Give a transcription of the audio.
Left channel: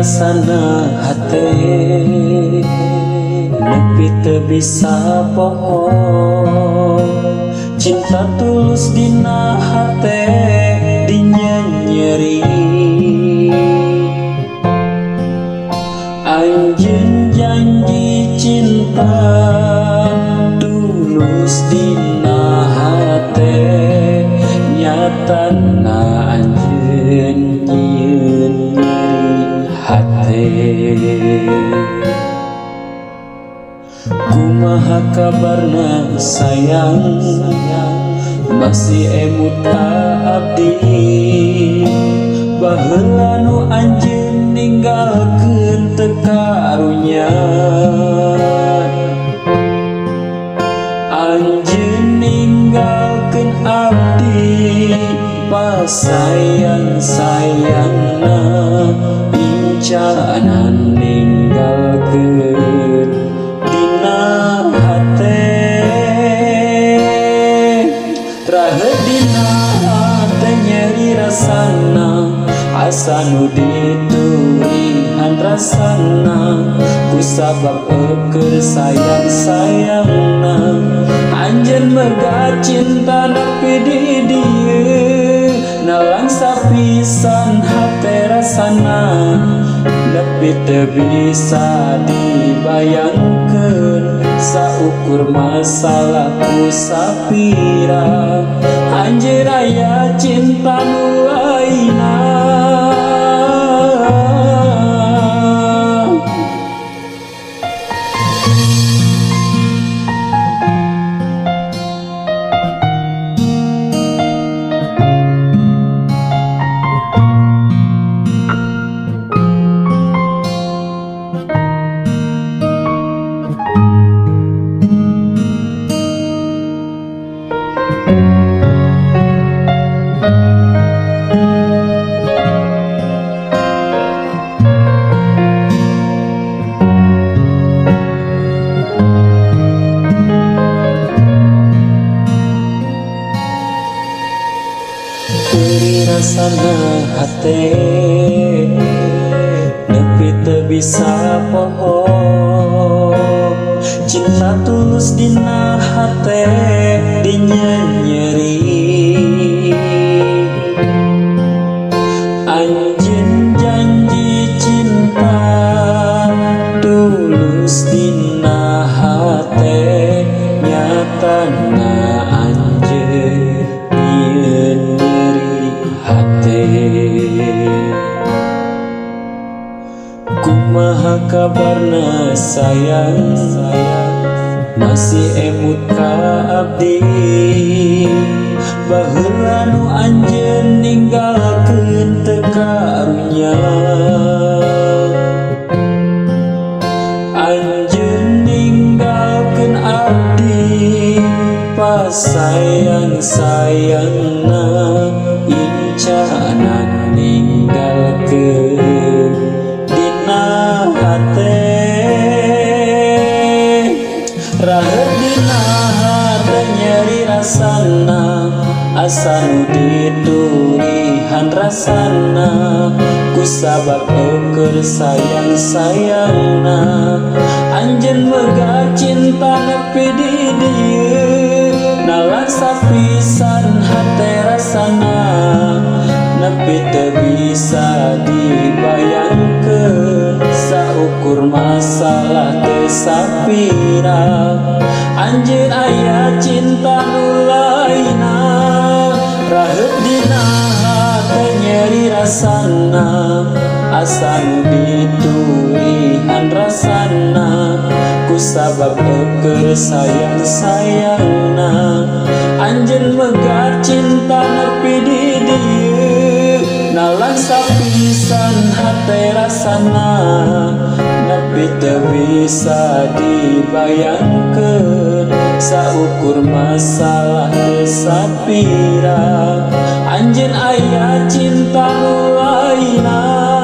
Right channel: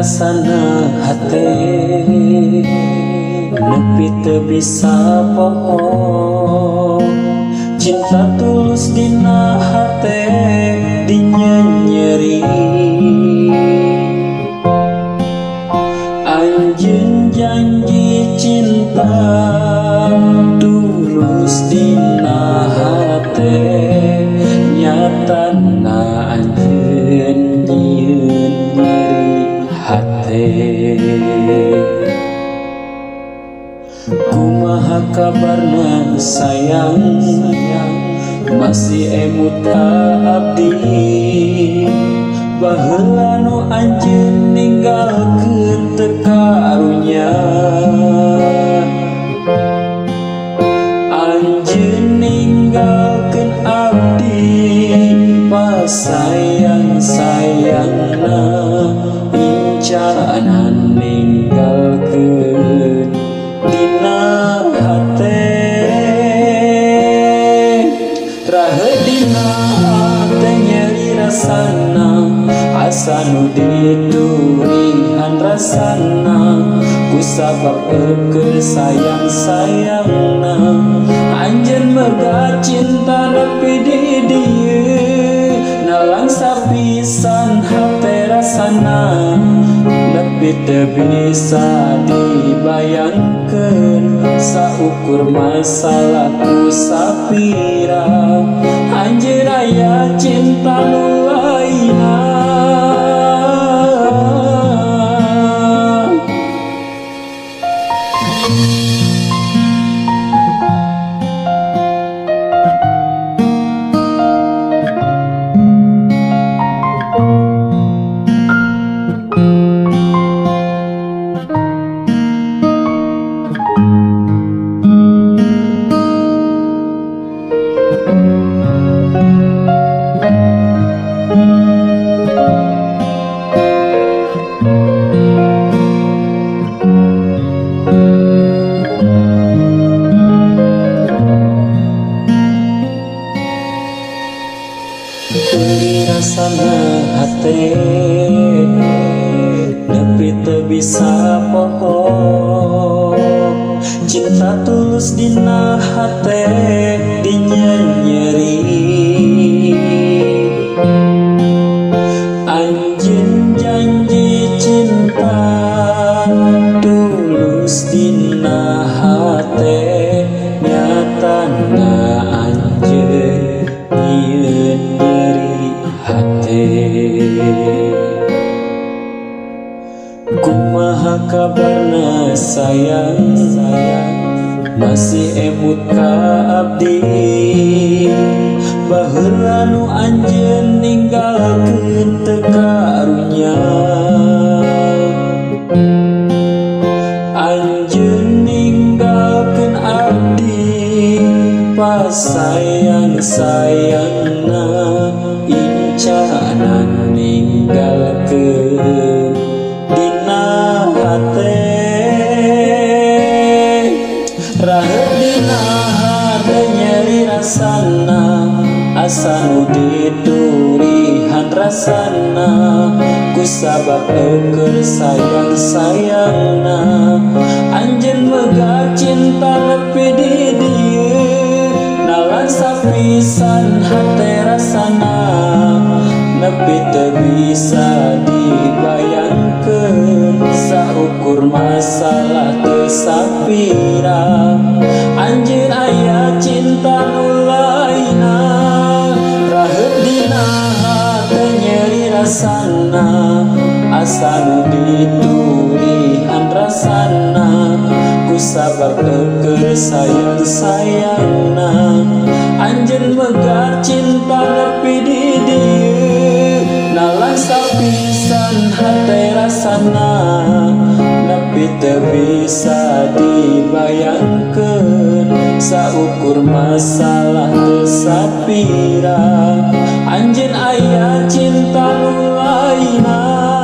rasana hate nepi teu bisa poho cinta tulus dina hate dinyeri anjeun janji cinta tulus dina hate nyatana anjeun nyieun nyeri hate kumaha kabarna sayang masih emut ka abdi baheula nu anjeun ninggalkeun teu karunya anjeun ninggalkeun abdi pasayang-sayangna incanan ninggalkeun dina hate raheut dina hate nyeri rasana asa nu diturihan rasana kusabab eukeul sayang-sayangna anjeun megat cinta nepi di dieu nalang sapisan hate rasana nepi teu bisa dibayangkeun saukur masalah ku sapira anjeun aya cinta nu lainna Beri rasana hate nepi teu bisa poho cinta tulus dina hate dinyeri anjeun janji cinta tulus dina hate nyatana anjeun nyieun nyeri hate kumaha kabarna sayang masih emut ka abdi baheula nu anjeun ninggalkeun teu karunya anjeun ninggalkeun abdi pasayang-sayangna incanan ninggalkeun dina hate raheut dina hate nyeri rasana asa nu diturihan rasana kusabab eukeul sayang-sayangna anjeun megat cinta nepi di dieu nalan sapisan hate rasana nepi teu bisa dibayangkeun saukur masalah teu sapira anjeun aya cinta nu lainna raheut dina hate nyeri rasana asa nu diturihan rasana kusabab eukeul sayang-sayangna anjeun megat cinta nepi di dieu nalang sapisan hate rasana nepi teu bisa dibayangkeun saukur masalah teu sapira anjeun aya cinta nu lainna